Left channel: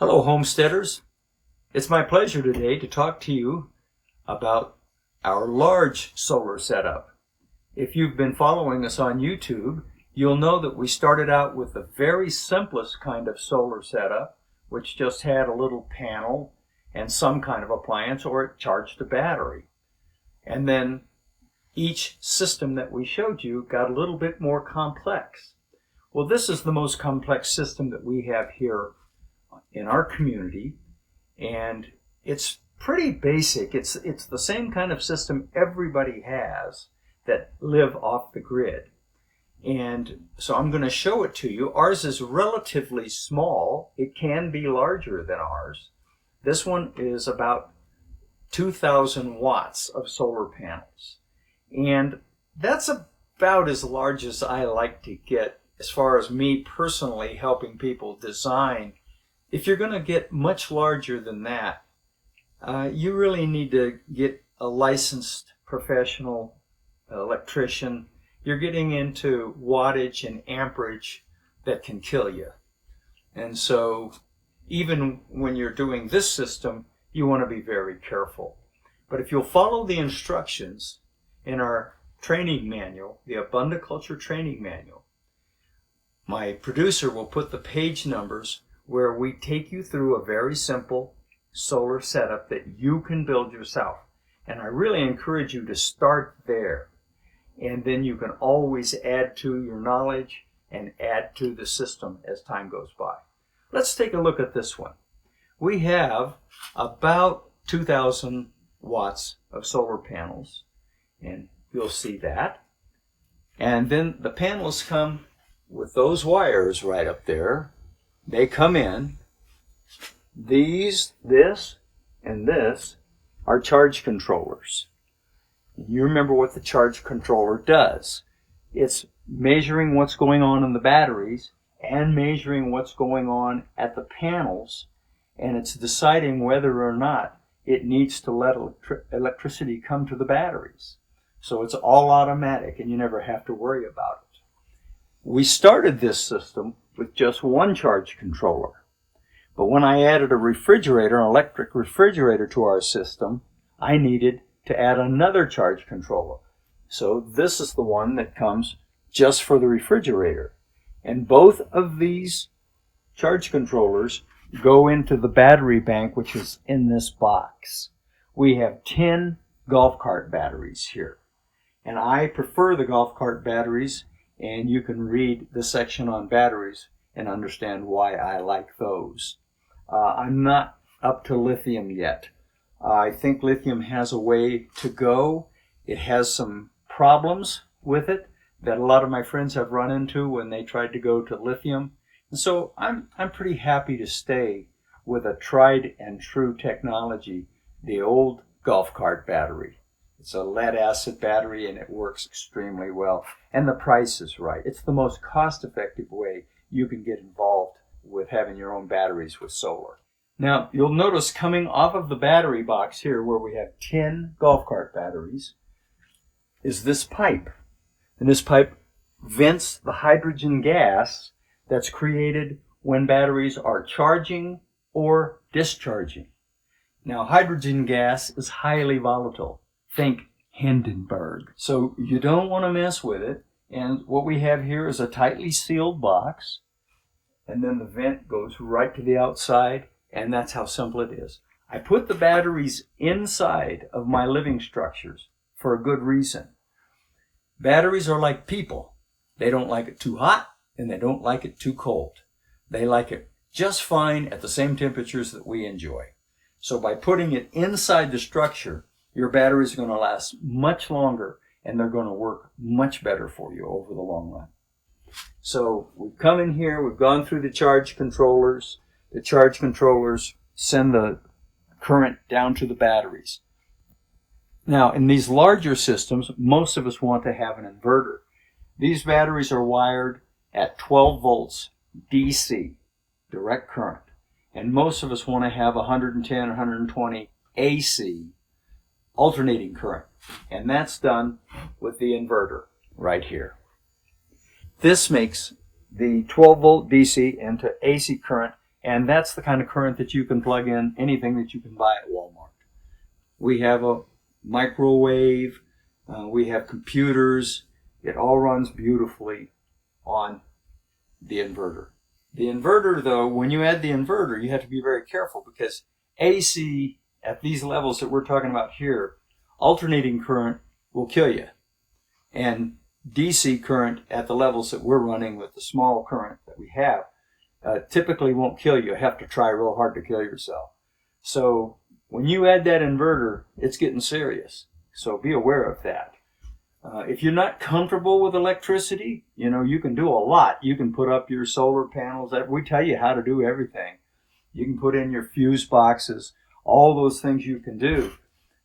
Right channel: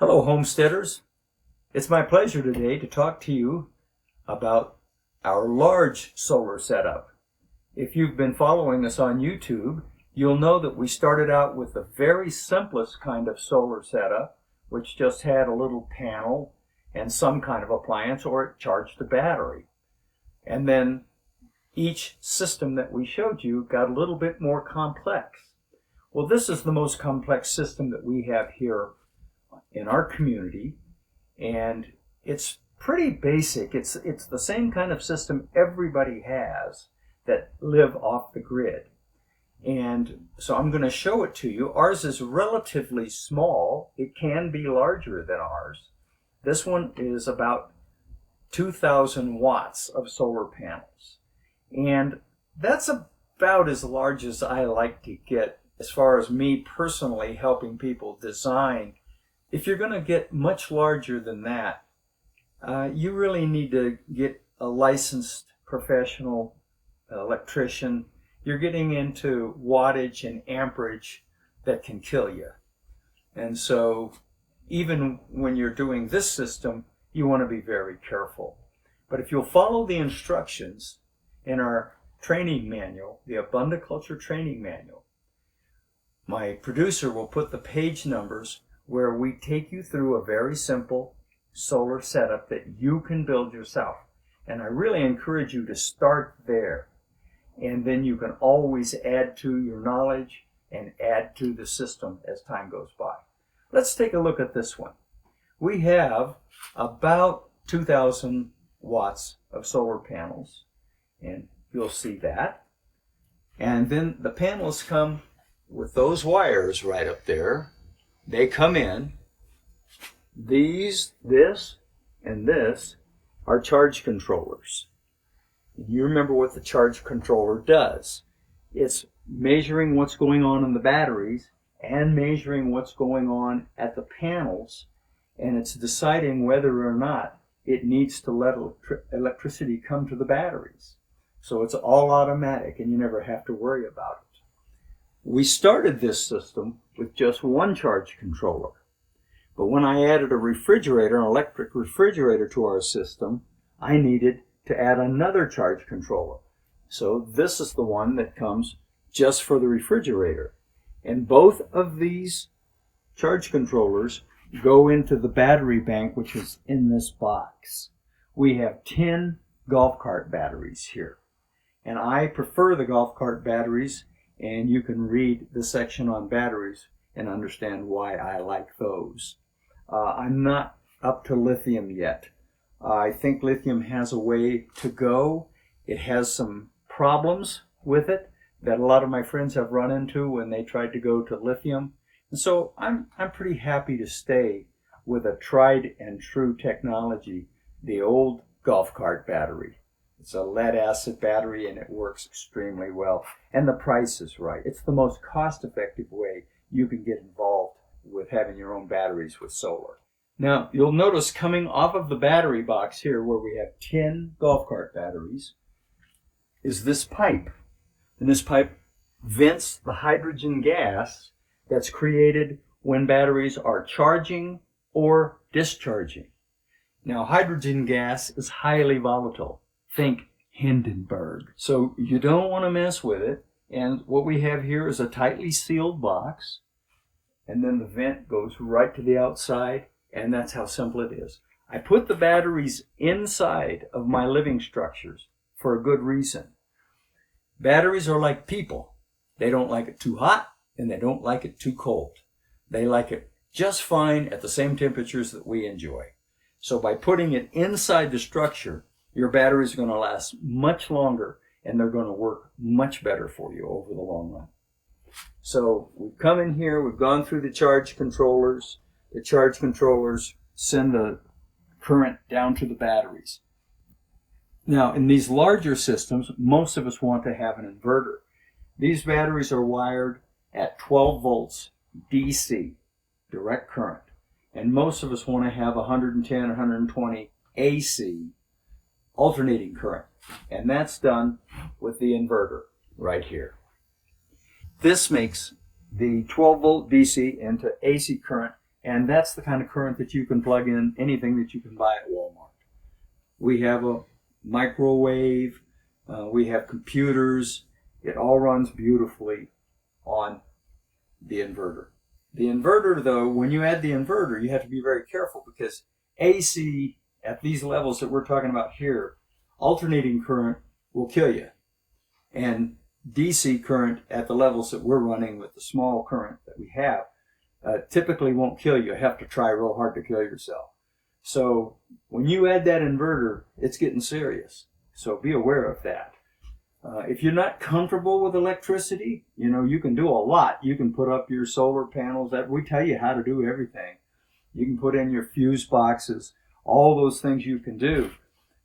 Hello, homesteaders. It's my pleasure today to talk to you about our large solar setup. If you've been following us on YouTube, you'll know that we started out with the very simplest kind of solar setup, which just had a little panel and some kind of appliance, or it charged a battery. And then each system that we showed you got a little bit more complex. Well, this is the most complex system that we have here in our community, and it's pretty basic. It's the same kind of system everybody has that live off the grid. And so I'm going to show it to you. Ours is relatively small. It can be larger than ours. This one is about 2,000 watts of solar panels. And that's about as large as I like to get as far as me personally helping people design. If you're going to get much larger than that, you really need to get a licensed professional electrician. You're getting into wattage and amperage that can kill you. And so even when you're doing this system, you want to be very careful. But if you'll follow the instructions in our training manual, the AbundaCulture training manual, my producer will put the page numbers where we take you through a very simple solar setup that you can build yourself. And I really encourage you to start there. And then you can always add to your knowledge and add to the system as time goes by. Let's take a look at this one. We have about 2,000 watts of solar panels, and you'll see that. And then the panels come with those wires right up there. They come in. This, and this are charge controllers. You remember what the charge controller does. It's measuring what's going on in the batteries and measuring what's going on at the panels, and it's deciding whether or not it needs to let electricity come to the batteries. So it's all automatic, and you never have to worry about it. We started this system with just one charge controller. But when I added a refrigerator, an electric refrigerator to our system, I needed to add another charge controller. So this is the one that comes just for the refrigerator. And both of these charge controllers go into the battery bank, which is in this box. We have 10 golf cart batteries here. And I prefer the golf cart batteries, and you can read the section on batteries and understand why I like those. I'm not up to lithium yet. I think lithium has a way to go. It has some problems with it that a lot of my friends have run into when they tried to go to lithium. And so I'm pretty happy to stay with a tried and true technology, the old golf cart battery. It's a lead acid battery, and it works extremely well. And the price is right. It's the most cost-effective way you can get involved with having your own batteries with solar. Now, you'll notice coming off of the battery box here, where we have 10 golf cart batteries, is this pipe. And this pipe vents the hydrogen gas that's created when batteries are charging or discharging. Now, hydrogen gas is highly volatile. Think Hindenburg. So you don't want to mess with it. And what we have here is a tightly sealed box. And then the vent goes right to the outside. And that's how simple it is. I put the batteries inside of my living structures for a good reason. Batteries are like people. They don't like it too hot, and they don't like it too cold. They like it just fine at the same temperatures that we enjoy. So by putting it inside the structure, your batteries are going to last much longer, and they're going to work much better for you over the long run. So we've come in here, we've gone through the charge controllers. The charge controllers send the current down to the batteries. Now, in these larger systems, most of us want to have an inverter. These batteries are wired at 12 volts DC, direct current. And most of us want to have 110, 120 AC, alternating current. And that's done with the inverter right here. This makes the 12 volt DC into AC current, And that's the kind of current that you can plug in anything that you can buy at Walmart. We have a microwave, we have computers. It all runs beautifully on the inverter. The inverter, though, when you add the inverter, you have to be very careful because AC at these levels that we're talking about here, alternating current will kill you. And DC current at the levels that we're running with the small current that we have typically won't kill you. You have to try real hard to kill yourself. So when you add that inverter, it's getting serious. So be aware of that. If you're not comfortable with electricity, you can do a lot. You can put up your solar panels. We tell you how to do everything. You can put in your fuse boxes, all those things you can do.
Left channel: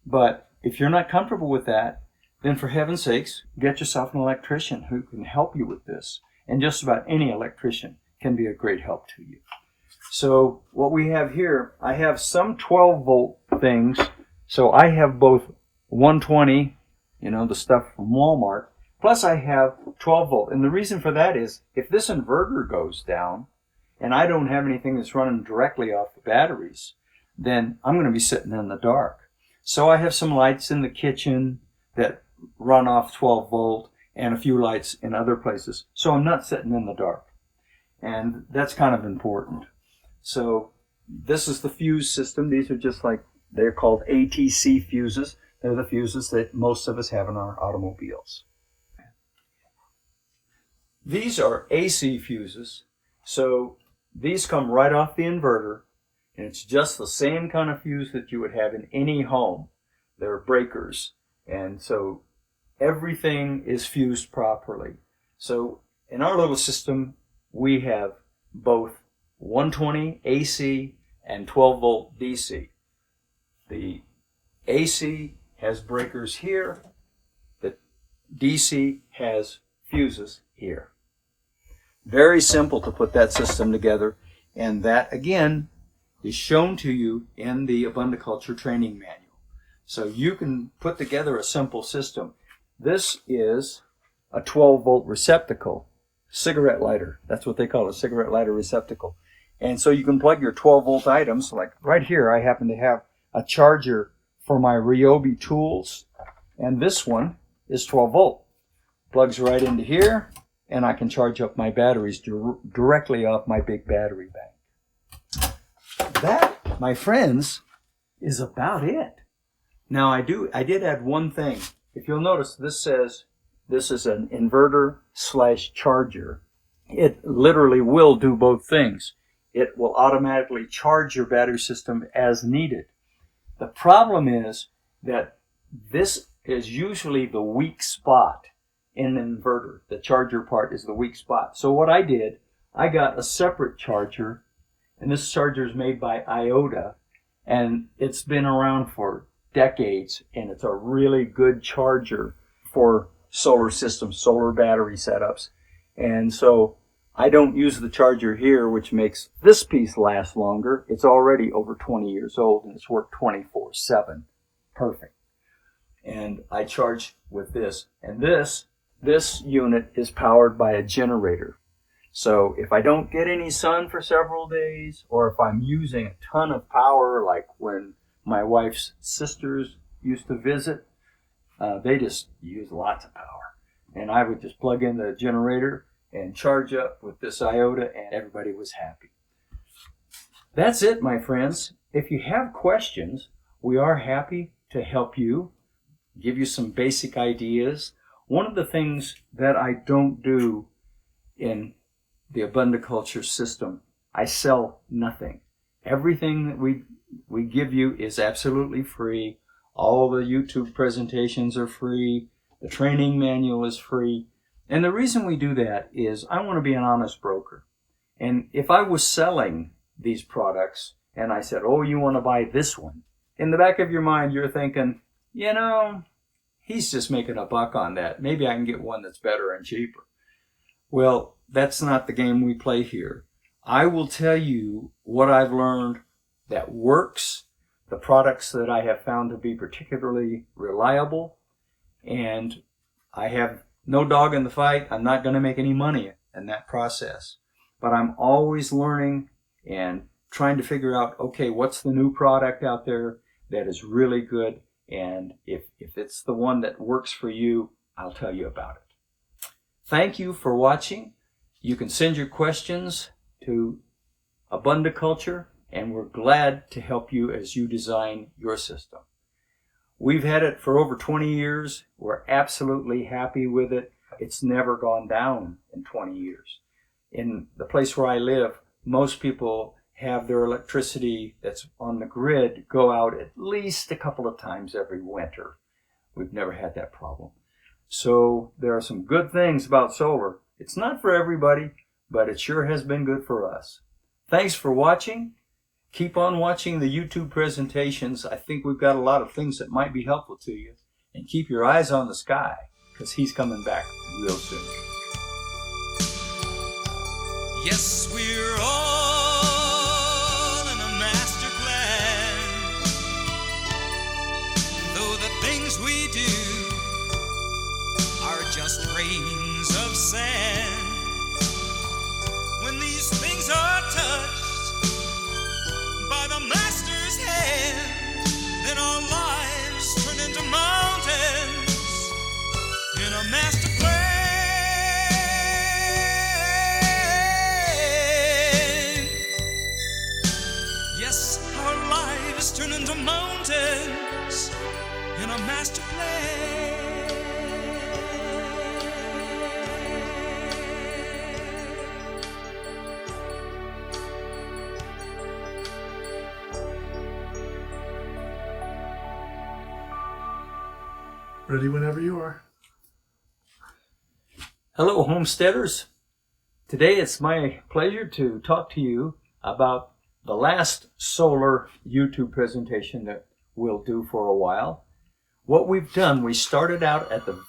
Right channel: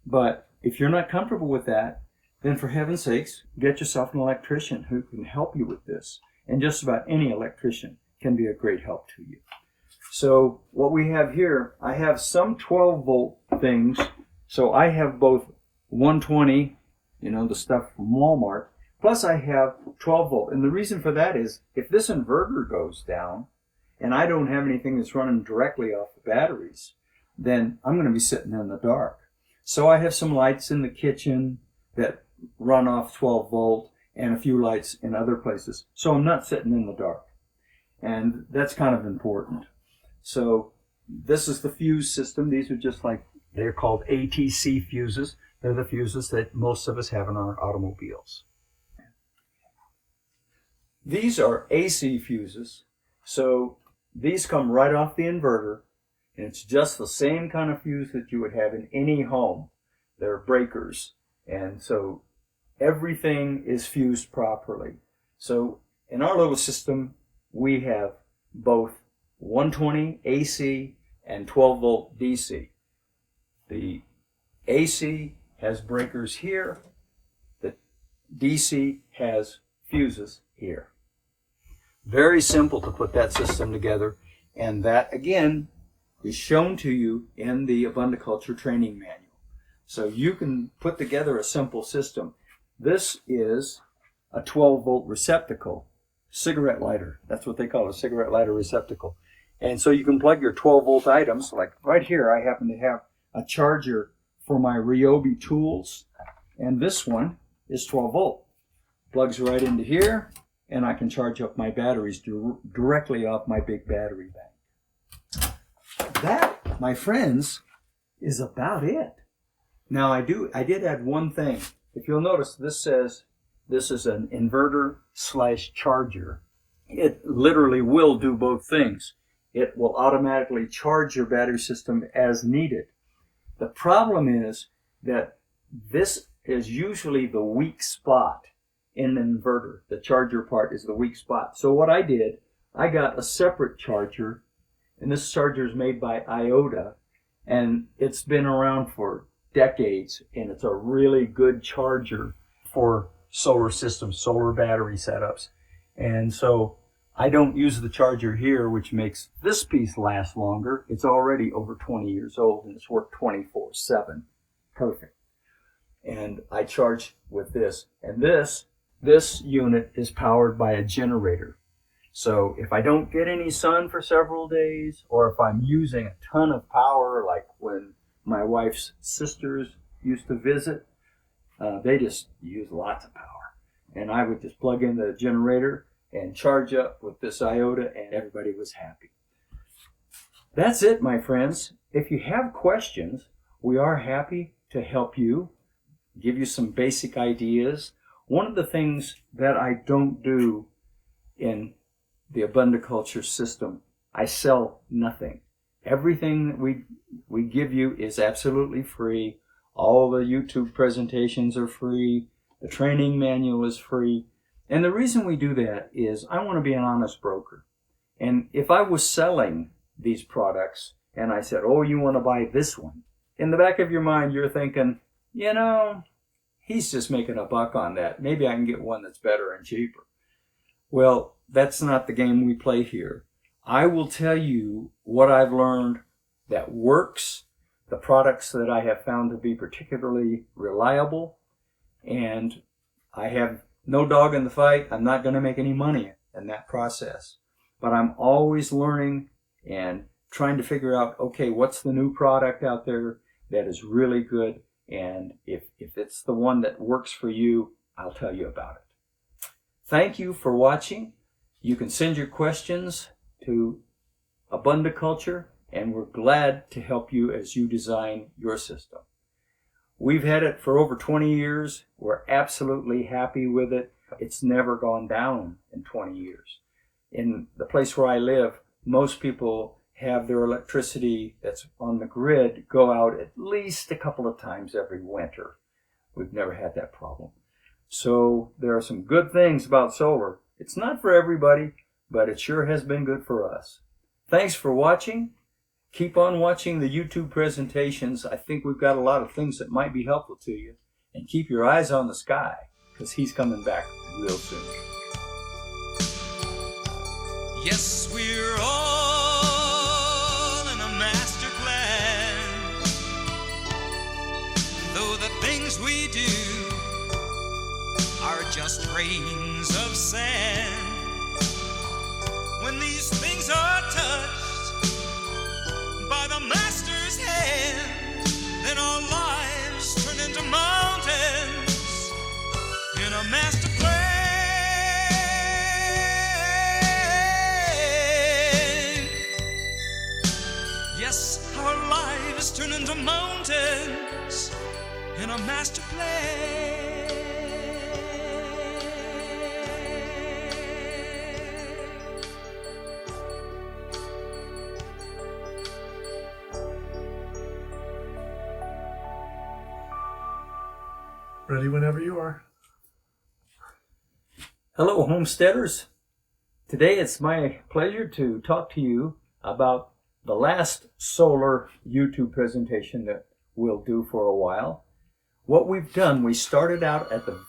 But if you're not comfortable with that, then for heaven's sakes, get yourself an electrician who can help you with this. And just about any electrician can be a great help to you. So what we have here, I have some 12-volt things. So I have both 120, the stuff from Walmart, plus I have 12-volt. And the reason for that is if this inverter goes down and I don't have anything that's running directly off the batteries, then I'm going to be sitting in the dark. So I have some lights in the kitchen that run off 12-volt and a few lights in other places. So I'm not sitting in the dark. And that's kind of important. So this is the fuse system. These are just like, they're called ATC fuses. They're the fuses that most of us have in our automobiles. These are AC fuses. So these come right off the inverter. And it's just the same kind of fuse that you would have in any home. They're breakers. And so everything is fused properly. So in our little system, we have both 120 AC and 12-volt DC. The AC has breakers here. The DC has fuses here. Very simple to put that system together. And that, again, is shown to you in the AbundaCulture training manual. So you can put together a simple system. This is a 12-volt receptacle, cigarette lighter. That's what they call it, a cigarette lighter receptacle. And so you can plug your 12-volt items. Like right here, I happen to have a charger for my Ryobi tools. And this one is 12-volt. Plugs right into here, and I can charge up my batteries directly off my big battery bank. That, my friends, is about it. Now I did add one thing. If you'll notice, this says this is an inverter / charger. It literally will do both things. It will automatically charge your battery system as needed. The problem is that this is usually the weak spot in an inverter. The charger part is the weak spot. So what I did, I got a separate charger, and this charger is made by Iota, and it's been around for decades, and it's a really good charger for solar systems, solar battery setups. And so I don't use the charger here, which makes this piece last longer. It's already over 20 years old, and it's worked 24/7. Perfect. And I charge with this. And this unit is powered by a generator. So if I don't get any sun for several days, or if I'm using a ton of power, like when my wife's sisters used to visit, they just use lots of power. And I would just plug in the generator and charge up with this Iota, and everybody was happy. That's it, my friends. If you have questions, we are happy to help you, give you some basic ideas. One of the things that I don't do in the AbundaCulture system, I sell nothing. Everything that we give you is absolutely free. All the YouTube presentations are free. The training manual is free. And the reason we do that is I want to be an honest broker. And if I was selling these products and I said, oh, you want to buy this one, in the back of your mind you're thinking, he's just making a buck on that. Maybe I can get one that's better and cheaper. Well, that's not the game we play here. I will tell you what I've learned that works, the products that I have found to be particularly reliable, and I have no dog in the fight. I'm not going to make any money in that process. But I'm always learning and trying to figure out, okay, what's the new product out there that is really good, and if it's the one that works for you, I'll tell you about it. Thank you for watching. You can send your questions to AbundaCulture, and we're glad to help you as you design your system. We've had it for over 20 years. We're absolutely happy with it. It's never gone down in 20 years. In the place where I live, most people have their electricity that's on the grid go out at least a couple of times every winter. We've never had that problem. So there are some good things about solar. It's not for everybody, but it sure has been good for us. Thanks for watching. Keep on watching the YouTube presentations. I think we've got a lot of things that might be helpful to you. And keep your eyes on the sky, because he's coming back real soon. Yes, we're all in a master plan. Though the things we do are just grains of sand, when these things are touched by the master's hand, then our lives turn into mountains in a master plan. Yes, our lives turn into mountains in a master plan. Ready whenever you are. Hello, homesteaders. Today it's my pleasure to talk to you about the last solar YouTube presentation that we'll do for a while. What we've done, we started out at the